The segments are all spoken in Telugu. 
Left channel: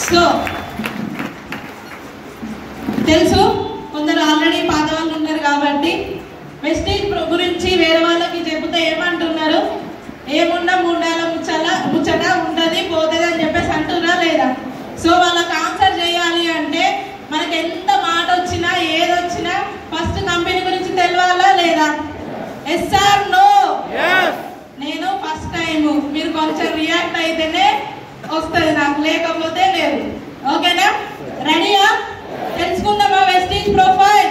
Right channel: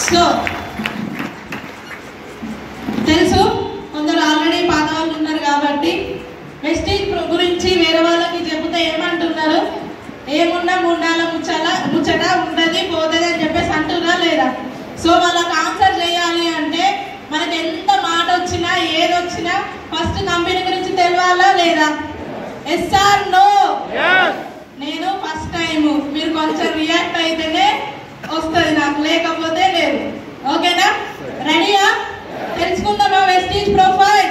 సో తెలుసు కొందరు ఆల్రెడీ పాత వాళ్ళు ఉన్నారు కాబట్టి వెస్టేజ్ గురించి వేరే వాళ్ళకి చెబితే ఏమంటున్నారు, ఏమున్నా మూడాల ముచ్చట ఉండదు పోతుంది అని చెప్పేసి అంటున్నా లేదా? సో వాళ్ళకి ఆన్సర్ చేయాలి అంటే మనకి ఎంత మాట వచ్చినా ఏదొచ్చినా ఫస్ట్ కంపెనీ గురించి తెలియాలా లేదా? Yes or no? నేను ఫస్ట్ టైం, మీరు కొంచెం రియాక్ట్ అయితేనే వస్తుంది నాకు, లేకపోతే లేదు. ఓకేనా? రెడీయా? తెలుసుకుందామా Vestige profile?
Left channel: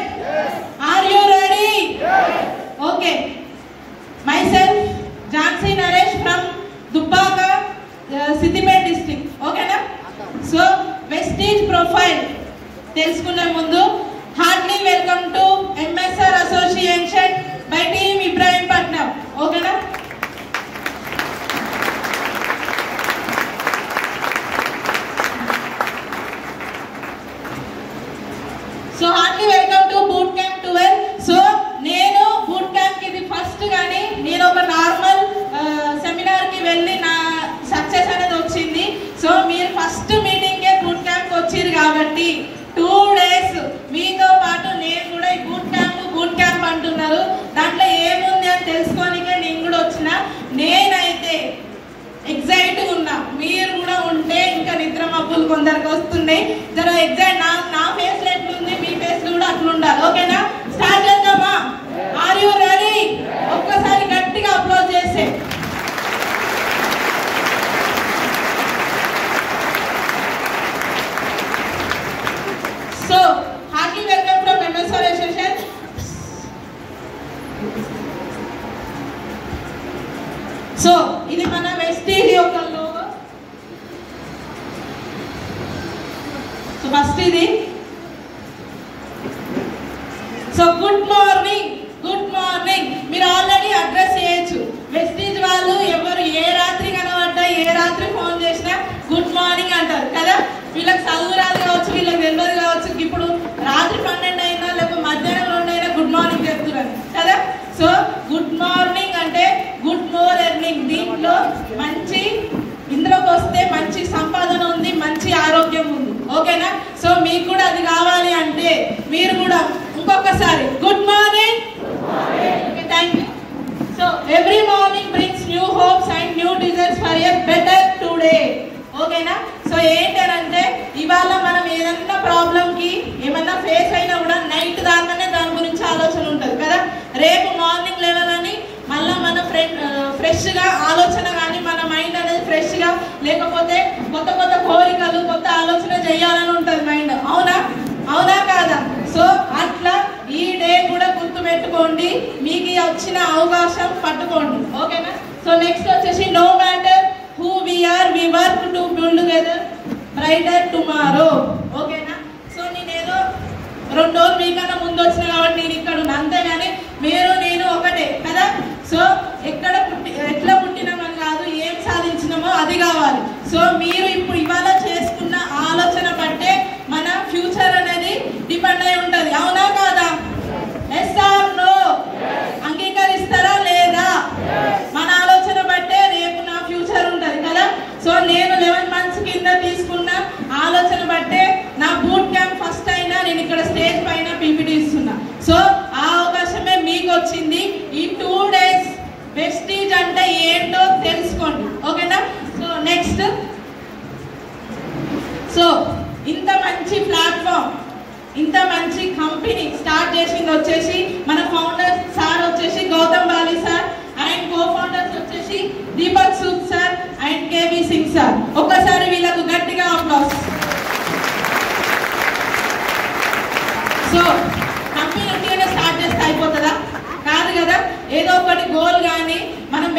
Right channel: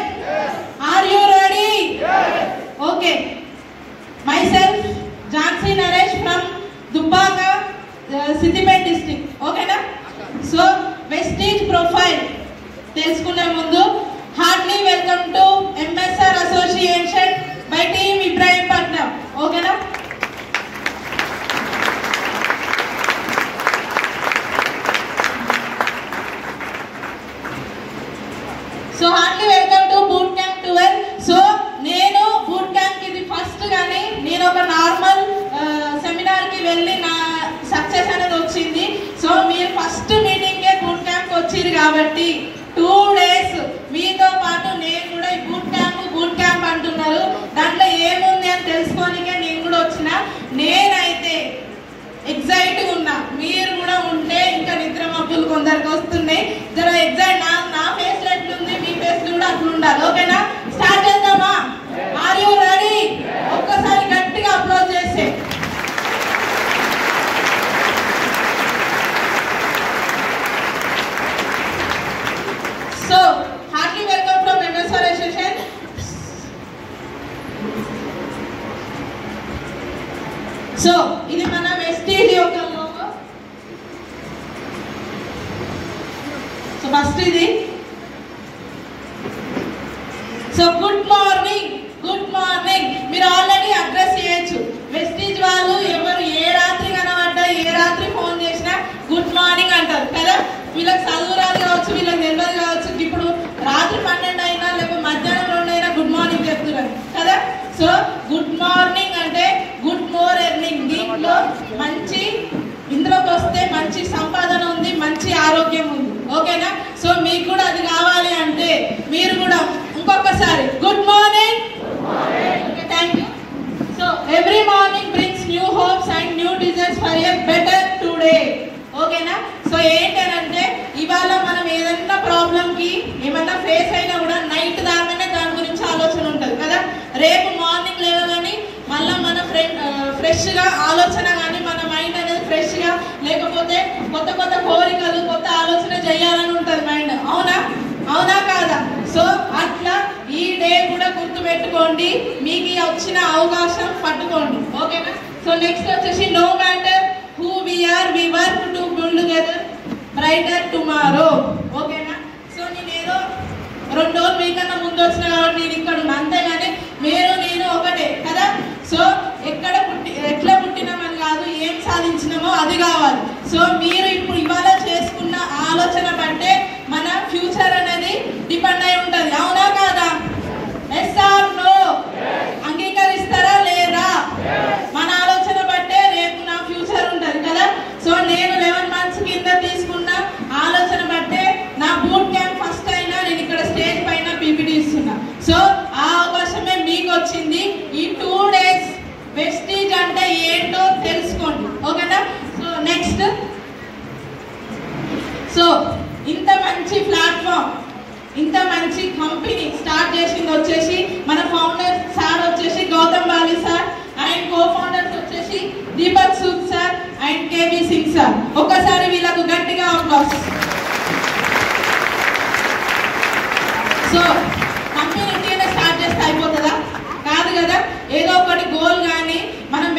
Are you ready? Okay. Myself Jhansi Naresh from Dubbaka, Siddipet district. ఓకేనా? సో వెస్టేజ్ ప్రొఫైల్ తెలుసుకునే ముందు heartly welcome to MSR association by team Ibrahimpatnam. ఓకేనా? So Hartley welcome to boot camp 12. So నేను బూట్ క్యాంప్ ఇది ఫస్ట్, కానీ నేను ఒక నార్మల్ సెమినార్ కి వెళ్ళి నా సక్సెస్ అనేది వచ్చింది. సో మీరు ఫస్ట్ మీటింగే బూట్ క్యాంప్ వచ్చింది కాబట్టి 2 days మీతో పాటు నేను కూడా ఈ బూట్ క్యాంప్ అంటున్నారు, దాంట్లో ఏముంది అని తెలుసుకోనికే నేను కూడా వచ్చిన. నేనైతే ఎగ్జైట్గా ఉన్నా, మీరు కూడా ఉంటే ఇంకా నిద్ర మబ్బులు కొందరికి వస్తున్నాయి. జర ఎగ్జైట్, నా ఫేస్ ఎట్లుంది మీ ఫేస్ కూడా అట్లా ఉండాలి. ఓకేనా? స్టార్ట్ చేద్దామా? Are you ready? ఒక్కసారి గట్టిగా అప్లోడ్ చేసే. So Hartley welcome from MSR association. So ఇది మన వెస్టేజ్ యొక్క లోగో. సో ఫస్ట్ ఇది. So good morning, good morning మీరు ఆల్రెడీ అడ్రస్ చేయొచ్చు. వెస్టేజ్ వాళ్ళు ఎవరు ఏ రాత్రి కనబడ్డా ఏ రాత్రి ఫోన్ చేసినా గుడ్ మార్నింగ్ అంటారు కదా. వీళ్ళకి చదువు రాదు కావచ్చు, వీళ్ళకి తెలియదు కావచ్చు, ఇప్పుడు రాత్రి 12 అయినా లేకపోతే మధ్యాహ్నం 2 అయినా గుడ్ మార్నింగ్ చెప్తున్నారు కదా. సో గుడ్ మార్నింగ్ అంటే గుడ్ మోర్ ఎర్నింగ్. దీంట్లో మంచి, ఇందులోకి వస్తే మంచి సంపాదన ఉంది, మంచి ఆరోగ్యం ఉంది. ఓకేనా? సో మీకు కూడా అది కావాలి అంటే మీరు కూడా ఇంకొకసారి good morning. Thank you. So every morning brings new hopes and new desires for a better today. ఓకేనా? సో ఏంటంటే ఇవాళ మనం ఏదైనా ప్రాబ్లం కి ఏమన్నా ఫేస్ అయినా కూడా నైట్ దాకానే దాని గురించి ఆలోచన ఉంటుంది కదా. రేపు మార్నింగ్ లేవగానే మళ్ళీ మన ఫ్రెష్ గా ఆలోచన కానీ మన మైండ్ అనేది ఫ్రెష్ గా, లేకపోతే కొత్త కొత్త కోరికలు కొత్త ఆలోచన చేయాలని ఉంటుంది మైండ్. అవునా? అవునా కాదా? సో అట్లా ఈ డే కూడా గుర్తు పెట్టుకోండి, మీకు వచ్చిన అవకాశం పట్టుకోండి. ఓకేనా? సో నెక్స్ట్ వచ్చేసి no matter who we are, we work to build together brighter tomorrow. ఓకేనా? సో నేనేదో 2 రోజులు మీకన్నా ముందు వచ్చిన కాబట్టి నేను ఇక్కడ ఉన్నా, అంతేగాని నేను ఒకటే కదా. సో ఎట్లా పుట్టినామని కాదు, ఏం సాధించినామో అది కావాలి. సో మీరు ఇప్పుడు ఇవాళ చేసుకున్న ఆలోచన బట్టే మన ఫ్యూచర్ అనేది డిపెండ్ అయి ఉంటుంది. అవునా కాదా? Yes or no? అంగీకరిస్తారా లేదా? మన ఆలోచన బట్టే రేపు నా ఫ్యూచర్ ఉంటుంది కదా. సో నేను 11 months కింద తీసుకున్న ఆలోచన బట్టే నా బూట్ క్యాంప్ ఫస్ట్ అయినా నేను ఇక్కడ స్టేజ్ పైన పీపీటీ ఇస్తున్నా. సో ఆ అవకాశమే మీకు వచ్చింది. ఈ 2 days వెస్టేజ్ అంటే ఏంటో తెలుసుకోండి. ఓకేనా? సో నెక్స్ట్, సో ఇంత మంచి ప్లాట్ఫామ్, ఇంత మంచి కంపెనీ స్టార్ట్ చేసింది వచ్చేసి మన ఫౌండర్ సార్ వచ్చేసి Gautam Bali sir, and co founders వచ్చేసి Deepak Sood sir and KB Singh sir. ఒక్కసారి వీళ్ళకు గట్టిగా అప్లాస్. సో కంపెనీ ఇండియానే స్టార్ట్ చేస్తే అయిపోతుందా? కాదు కదా. ఏదో ఒకటి గోల్ కానీ మనం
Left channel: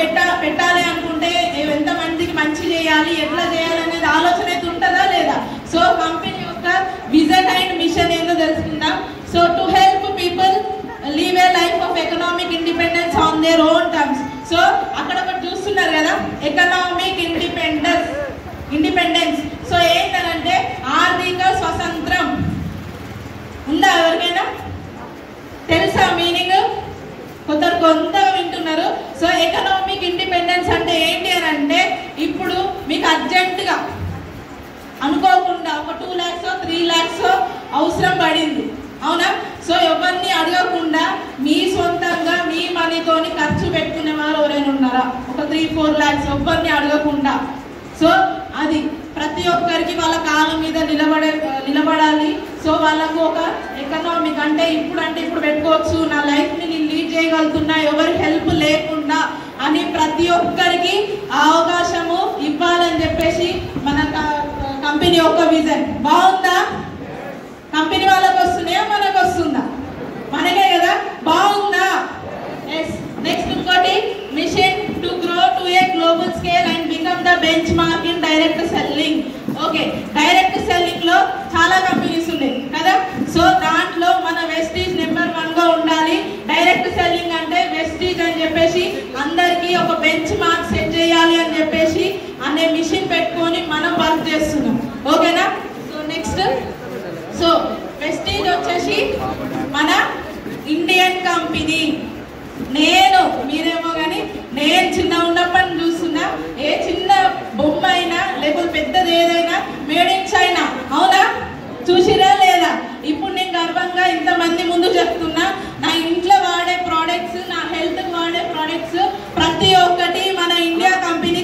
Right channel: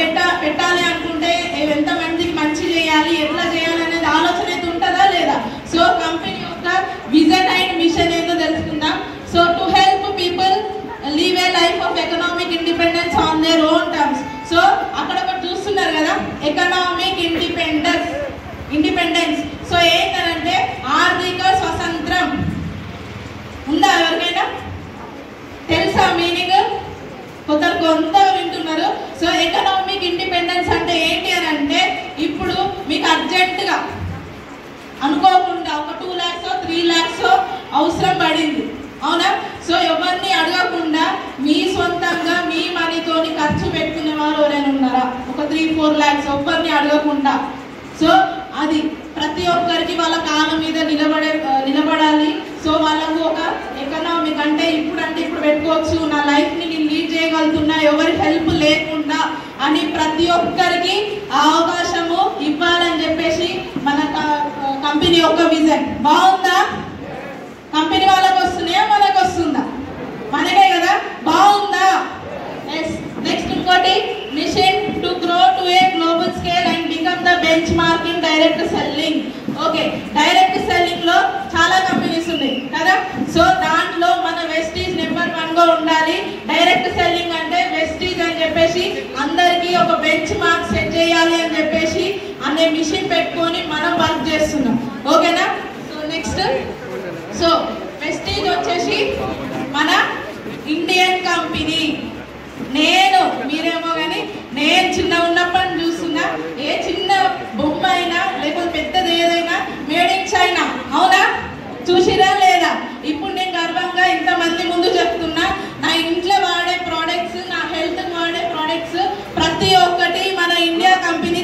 పెట్టాలి అనుకుంటే ఎంత మందికి మంచి చేయాలి, ఎట్లా చేయాలి అనేది ఆలోచన అయితే ఉంటుందా లేదా? సో కంపెనీ యొక్క విజన్ అండ్ మిషన్ ఏందో తెలుసుకుందాం. So to help people live a life of economic independence on their own terms. So అక్కడ ఒకటి చూస్తున్నారు కదా, ఎకనామిక్ ఇండిపెండెన్స్. సో ఏంటంటే ఆర్థిక స్వతంత్రం ఉందా? ఎవరికైనా తెలుసా మీనింగ్? కొంతగా వింటున్నారు. సో ఎకనామిక్ ఇండిపెండెన్స్ అంటే ఏంటి అని అంటే, ఇప్పుడు మీకు అర్జెంటుగా అనుకోకుండా 3 lakhs అవసరం పడింది, అవునా? సో ఎవరిని అడగకుండా మీ సొంతంగా మీ మనీతోని ఖర్చు పెట్టిన వారు ఎవరైనా ఉన్నారా? ఒక 3-4 lakhs ఎవరిని అడగకుండా. సో అది ప్రతి ఒక్కరికి వాళ్ళ కాళ్ళ మీద నిలబడాలి. సో వాళ్ళకు ఒక ఎకనామిక్ అంటే ఇప్పుడు పెట్టుకోవచ్చు, నా లైఫ్ని నేను లీడ్ చేయగలుగుతున్నా ఎవరి హెల్ప్ లేకుండా అని ప్రతి ఒక్కరికి అవకాశము ఇవ్వాలని చెప్పేసి మన కంపెనీ యొక్క విజన్. బాగుందా? కంపెనీ వాళ్ళకి వస్తున్నాయా మనకు వస్తుందా? మనకే కదా. బాగుందా? ఎస్. నెక్స్ట్ ఇంకోటి mission to grow to a global scale and become the benchmark in direct selling. Okay, direct selling లో చాలా కంపెనీస్ ఉన్నాయి కదా. సో దాంట్లో మన వెస్టీజ్ నెంబర్ 1 గా ఉండాలి. డైరెక్ట్ సెల్లింగ్ అంటే వెస్టీజ్ అని చెప్పేసి అందరికి ఒక బెంచ్ మార్క్ సెట్ చేయాలి అని చెప్పేసి అనే మిషన్ పెట్టుకొని మనం వర్క్ చేస్తున్నాం. ఓకేనా? సో నెక్స్ట్, సో వెస్టీజ్ వచ్చేసి మన ఇండియన్ కంపెనీ. మీరేమో కానీ నేను చిన్న ఉన్నప్పటి చూస్తున్నా, ఏ చిన్న బొమ్మ అయినా లేకపోతే పెద్దది ఏదైనా మేడ్ ఇన్ చైనా, అవునా? చూసిరా లేదా? ఇప్పుడు నేను గర్వంగా ఇంతమంది ముందు చెప్తున్నా, నా ఇంట్లో వాడే ప్రోడక్ట్స్, నా హెల్త్ వాడే ప్రోడక్ట్స్ ప్రతి ఒక్కటి మన ఇండియా కంపెనీ